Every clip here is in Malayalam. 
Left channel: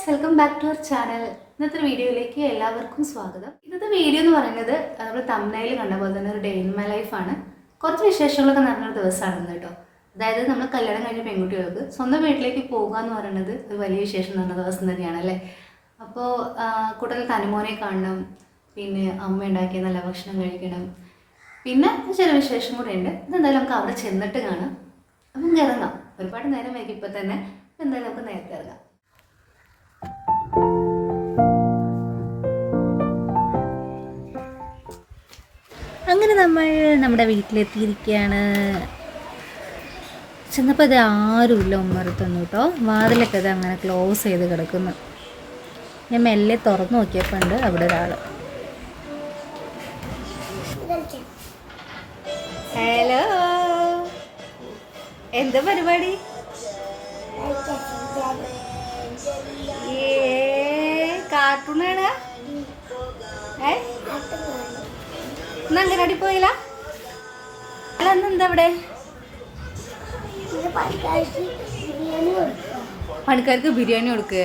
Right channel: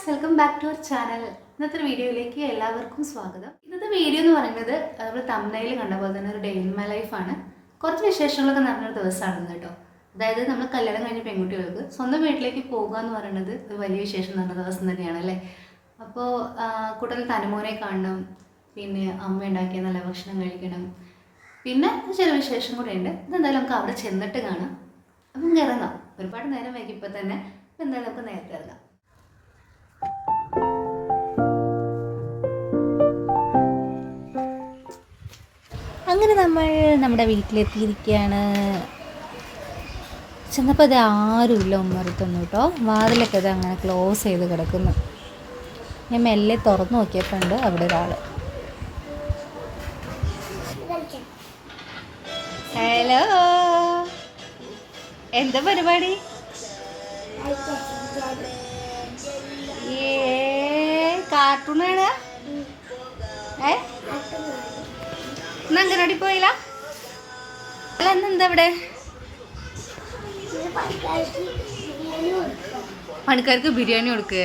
Guys, welcome back to our channel. ഇന്നത്തെ വീഡിയോയിലേക്ക് എല്ലാവർക്കും സ്വാഗതം. ഇന്നത്തെ വീഡിയോ എന്ന് പറയുന്നത് നമ്മൾ തംബ്നെയിൽ കണ്ട പോലെ തന്നെ ഒരു ഡേ ഇൻ മൈ ലൈഫാണ്. കുറച്ച് വിശേഷങ്ങളൊക്കെ നടന്നൊരു ദിവസമാണ് കേട്ടോ. അതായത് നമ്മൾ കല്യാണം കഴിഞ്ഞ പെൺകുട്ടികൾക്ക് സ്വന്തം വീട്ടിലേക്ക് പോകുക എന്ന് പറയുന്നത് ഒരു വലിയ വിശേഷം നടന്ന ദിവസം തന്നെയാണ് അല്ലേ. അപ്പോൾ കൂടുതൽ തനുമോനെ കാണണം, പിന്നെ അമ്മ ഉണ്ടാക്കിയ നല്ല ഭക്ഷണം കഴിക്കണം, പിന്നെ ചില വിശേഷം കൂടെ ഉണ്ട്. ഇതെന്തായാലും നമുക്ക് അവിടെ ചെന്നിട്ട് കാണാം. അപ്പം ഇറങ്ങാം. ഒരുപാട് നേരം വൈകിപ്പോൾ തന്നെ. അപ്പം എന്തായാലും നമുക്ക് നേരത്തെ ഇറങ്ങാം. അങ്ങനെ നമ്മൾ നമ്മുടെ വീട്ടിലെത്തിയിരിക്കുകയാണ്. ചെന്നപ്പോൾ അത് ആരുമില്ല ഉമ്മറത്തൊന്നും കേട്ടോ. വാതിലൊക്കെ അത് അങ്ങനെ ക്ലോസ് ചെയ്ത് കിടക്കുന്നു. ഞാൻ മെല്ലെ തുറന്നു നോക്കിയപ്പോൾ ഉണ്ട് അവിടെ ഒരാൾ. ഹലോ, എന്താ പരിപാടി? കാർട്ടൂണാണ്. അങ്കനാടി പോയില്ല? അല്ല, എന്താ ഇവിടെ? പണിക്കാർക്ക് ബിരിയാണി കൊടുക്കേ?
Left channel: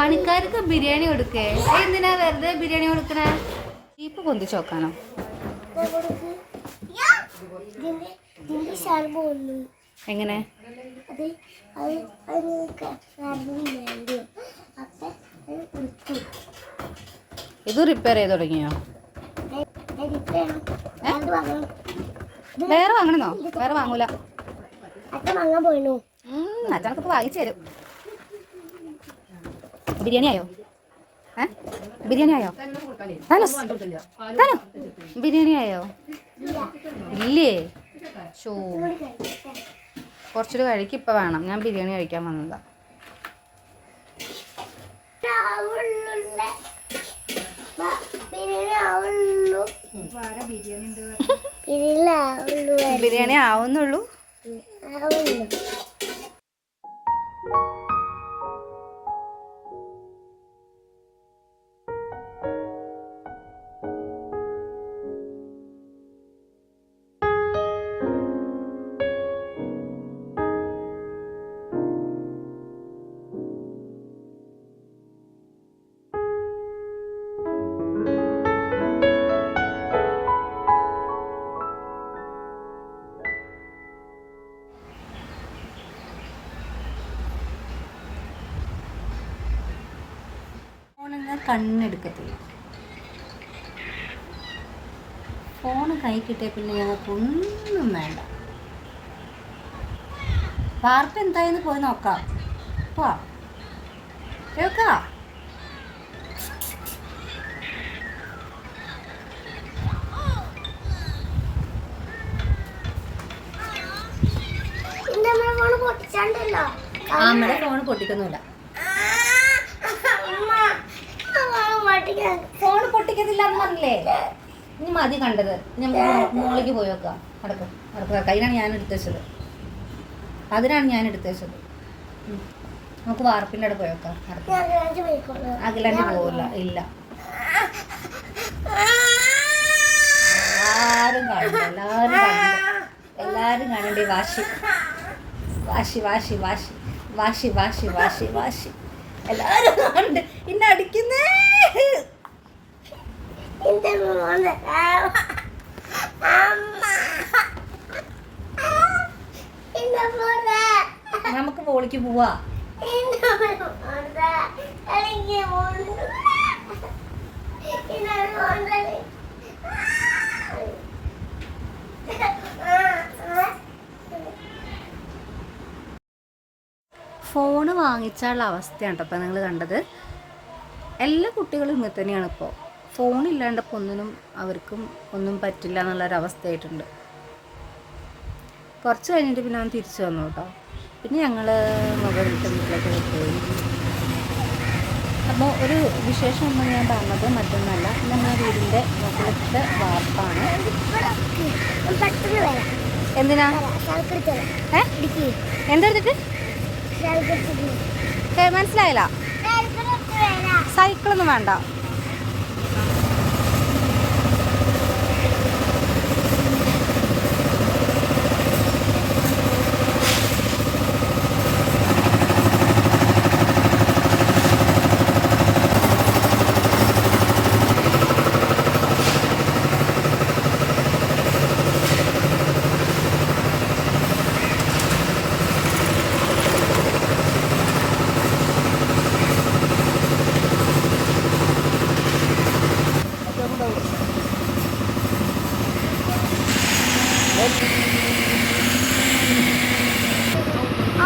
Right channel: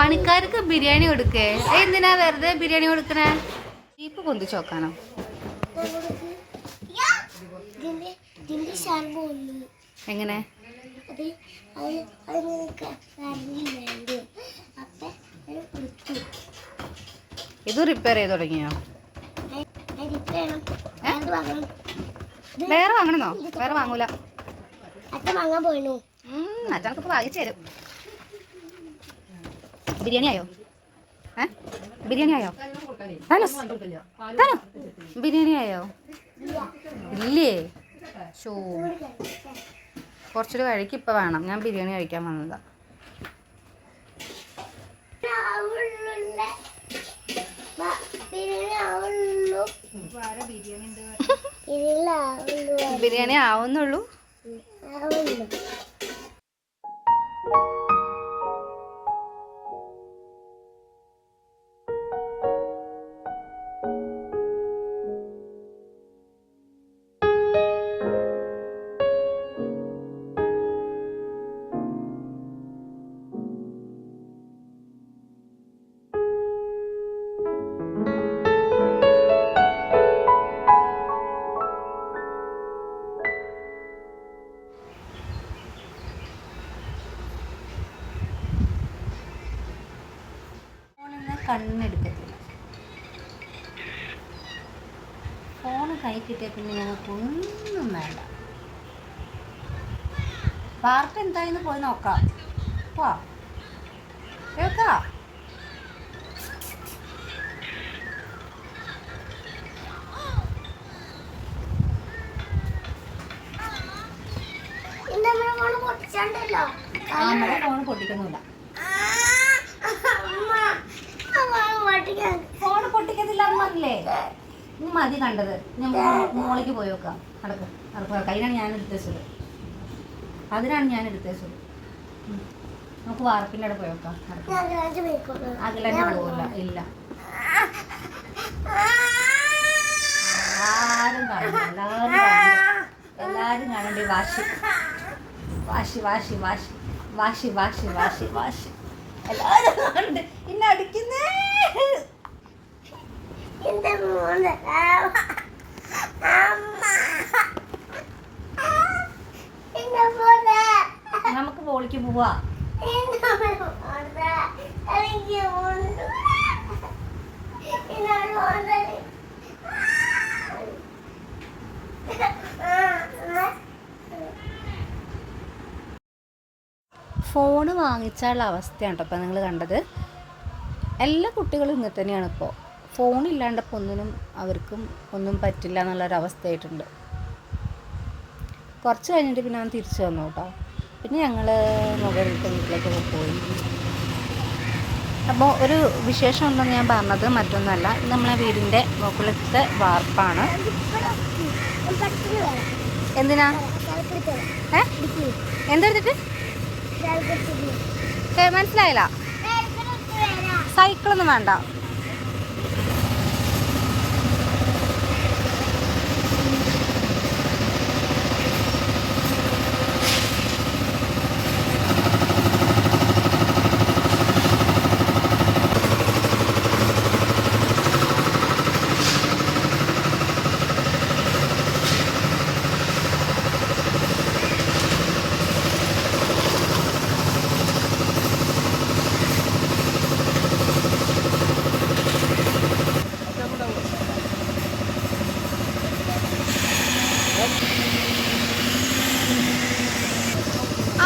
പണിക്കാർക്ക് ബിരിയാണി കൊടുക്കേ? എന്തിനാ വെറുതെ ബിരിയാണി കൊടുക്കണേ? ജീപ്പ് പൊന്തിച്ച് നോക്കാനോ? എങ്ങനെ? ഇത് റിപ്പയർ ചെയ്ത് തുടങ്ങിയോ? വേറെ വാങ്ങണമെന്നോ? വേറെ വാങ്ങൂല. അച്ഛനൊക്കെ വാങ്ങിച്ചു തരും. ബിരിയാണി ആയോ? ബിരിയാണി ആയോ? ബിരിയാണി ആയോ? ഇല്ലേ? ഷോ, കുറച്ചൊരു കഴിക്ക് ഇപ്പം വേണം. ഞാൻ ബിരിയാണി കഴിക്കാൻ വന്നതാ. ബിരിയാണി ആവുന്നുള്ളൂ. കണ്ണെടുക്കത്തില്ല. ഫോണ് കൈ കിട്ടിയ പിന്നെ ഞങ്ങൾക്കൊന്നും വേണ്ട. വാർത്ത എന്തായെന്ന് പോയി നോക്കാം. പോവാ കേൾക്കാം. നമ്മുടെ ഫോണ് പൊട്ടിക്കൊന്നുമില്ല. ഫോൺ പൊട്ടിക്കത്തില്ല പറഞ്ഞില്ലേ? ഇനി മതി കണ്ടത്. മോളിക്ക് പോയി വെക്കാം. നടക്കുക. കയ്യിലാണ് ഞാൻ എടുത്തു വെച്ചത്. അതിനാണ് ഞാൻ എടുത്തു വെച്ചത്. നമുക്ക് വാർപ്പിൻ്റെ അവിടെ പോയി വെക്കാം. അകലാണ്ട് പോവില്ല. ഇല്ല, ആരും കാണണ്ട. എല്ലാരും കാണണ്ടേ? വാശി വാശി വാശി വാശി വാശി വാശി വാശി വാശി എല്ലാരും കാണണ്ടേ? ഇന്നെ അടിക്കുന്നേ. നമുക്ക് പോളിക്ക് പോവാ. ഫോണ് വാങ്ങിച്ചാലുള്ള അവസ്ഥയാണ് കേട്ടോ ഇപ്പം നിങ്ങൾ കണ്ടത്. എല്ലാ കുട്ടികളും ഇങ്ങനെ തന്നെയാണ് ഇപ്പോൾ. ഫോണില്ലാണ്ടപ്പോൾ അവർക്കും ഒന്നും പറ്റില്ല എന്നുള്ളൊരവസ്ഥയായിട്ടുണ്ട്. കുറച്ച് കഴിഞ്ഞിട്ട് പിന്നെ അവൻ തിരിച്ചു വന്നു കേട്ടോ. പിന്നെ ഞങ്ങൾ മുകളിലത്തെ വീട്ടിലേക്കൊക്കെ പോയി. അപ്പോൾ ഒരു വിശേഷം ഉണ്ടെന്ന് ഞാൻ പറഞ്ഞത് മറ്റൊന്നല്ല, നമ്മളെ വീടിൻ്റെ മുകളിലത്തെ വാർപ്പാണ്. എന്തിനാ? എന്തെടുത്തിട്ട്? മനസ്സിലായില്ല. സൈക്കിളൊന്നും വേണ്ട.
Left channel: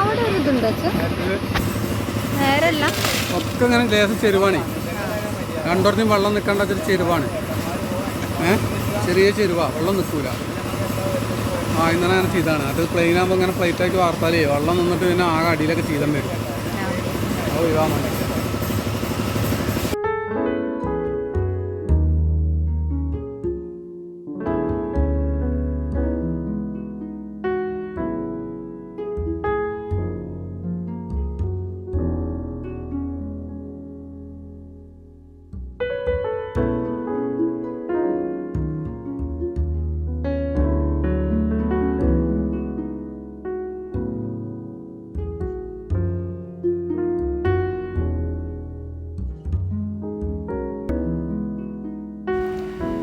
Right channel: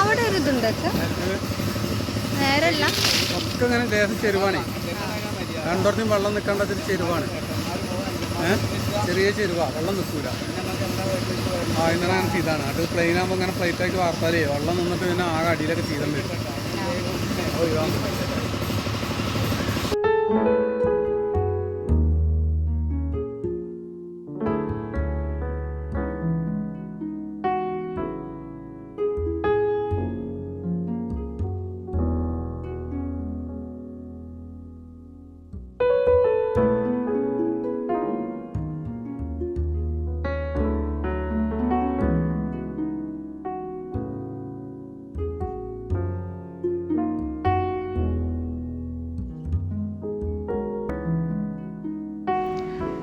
അവിടെ ഒരു ഇതുണ്ട് നേരല്ല ഒക്കെ ഇങ്ങനെ ദേശം ചെരുവാണ്. രണ്ടോടത്തും വെള്ളം നിൽക്കേണ്ട ചെരുവാണ്. ചെറിയ ചെരുവാ, വെള്ളം നിൽക്കൂല. ഇന്നലെ അങ്ങനെ ചെയ്താണ്. അത് പ്ലെയിൻ ആകുമ്പോൾ ഇങ്ങനെ ഫ്ലൈറ്റാക്കി വാർത്താലേ വെള്ളം നിന്നിട്ട് പിന്നെ ആകെ അടിയിലൊക്കെ ചെയ്തേണ്ടി വരും. ഒഴിവാകുന്നുണ്ട്.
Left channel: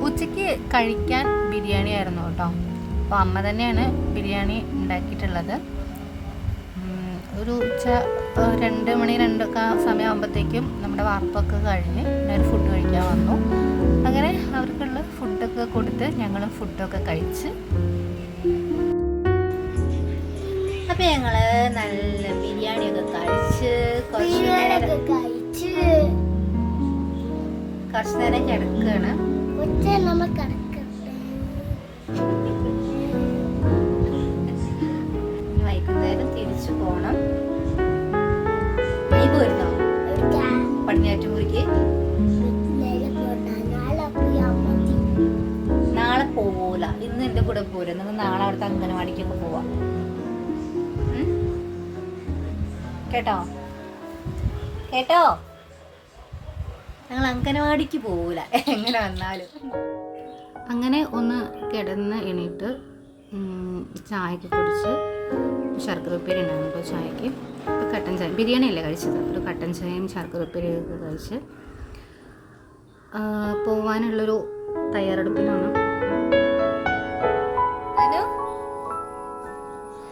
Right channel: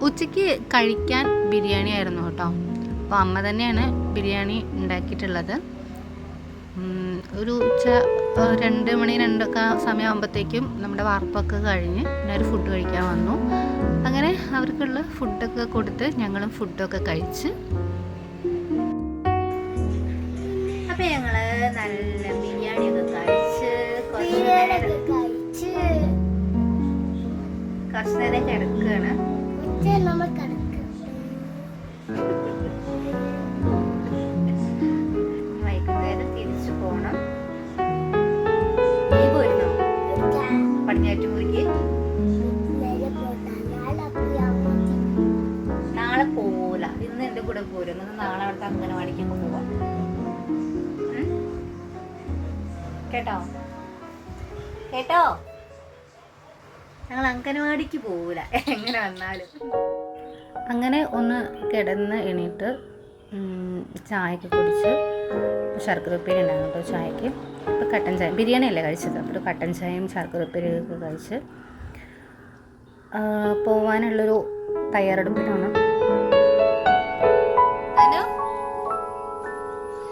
ഉച്ചയ്ക്ക് കഴിക്കാൻ ബിരിയാണി ആയിരുന്നു കേട്ടോ. അപ്പോൾ അമ്മ തന്നെയാണ് ബിരിയാണി ഉണ്ടാക്കിയിട്ടുള്ളത്. ഒരു ഉച്ച 2 മണി 2 സമയമാകുമ്പോഴത്തേക്കും നമ്മുടെ വാർപ്പൊക്കെ കഴിഞ്ഞ് പിന്നെ ഒരു ഫുഡ് കഴിക്കാൻ വന്നു. അങ്ങനെ അവർക്കുള്ള ഫുഡൊക്കെ കൊടുത്ത് ഞങ്ങളും ഫുഡൊക്കെ കഴിച്ച്. അപ്പോൾ ഞങ്ങൾ നല്ല ബിരിയാണിയൊക്കെ കഴിച്ച് കുറച്ച് നേരം കിടക്കുകയാണ്. വൈകുന്നേരം തിരിച്ചു പോണം. നീ പോയിരുന്നോ പടിഞ്ഞാറ്റുമുറിക്ക്? നാളെ പോവൂല, ഇന്ന് എന്റെ കൂടെ പോരും. നമുക്ക് നാളെ അവിടുത്തെ അംഗനവാടിക്കൊക്കെ പോവാം കേട്ടോ. കേട്ടോ, ഞങ്ങൾ അംഗനവാടിക്ക് പോവൂല എങ്ങനെ വന്നാലും. അങ്ങനെ ഒന്ന് കിടന്ന് എണീറ്റ് ചായയൊക്കെ കുടിച്ച് ശർക്കര ഉപ്പേരി ഉണ്ടായിരുന്നു കേട്ടോ ചായക്ക്. ഇപ്പോൾ കട്ടൻ ചായ, ബിരിയാണി അല്ലേ കഴിച്ചത്, അപ്പോൾ ഒരു കട്ടൻ ചായയും ശർക്കര ഉപ്പേരിയൊക്കെ കഴിച്ച് പോവാനുള്ളൊരു തയ്യാറെടുപ്പിലാണ്.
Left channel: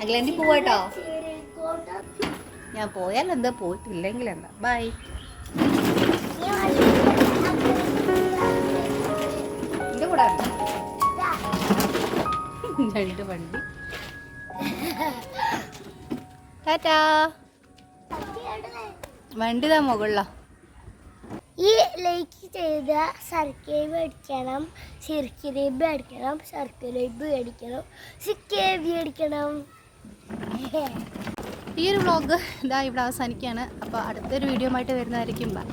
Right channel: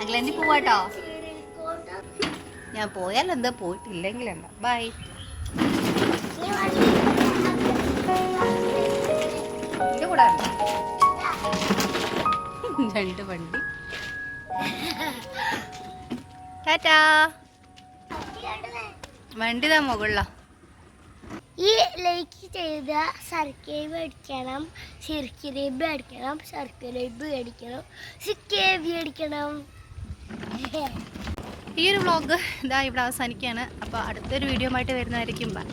അഖിലേന്റി പോവാട്ടോ. ഞാൻ പോയാൽ എന്താ, പോയിട്ടില്ലെങ്കിൽ എന്താ. ബൈ. എൻ്റെ കൂടെ 2 വണ്ടി. ടാറ്റാ. വണ്ടി താ മുകളിലാ. ഈ ലൈക്ക് ചെയ്ത സബ്സ്ക്രൈബ് അടിക്കണം, സിർക്കിലേബ് അടിക്കണം, സബ്സ്ക്രൈബ് അടിക്കണം, സിക്കേബി അടിക്കണം. ഈ ഒരു വ്ളോഗ് ഇതാ ഇവിടെ അവസാനിക്കുകയാണ്. അപ്പോൾ അടുത്തൊരു വീഡിയോ ആയിട്ട് വരുന്നതായിരിക്കും. ബൈ.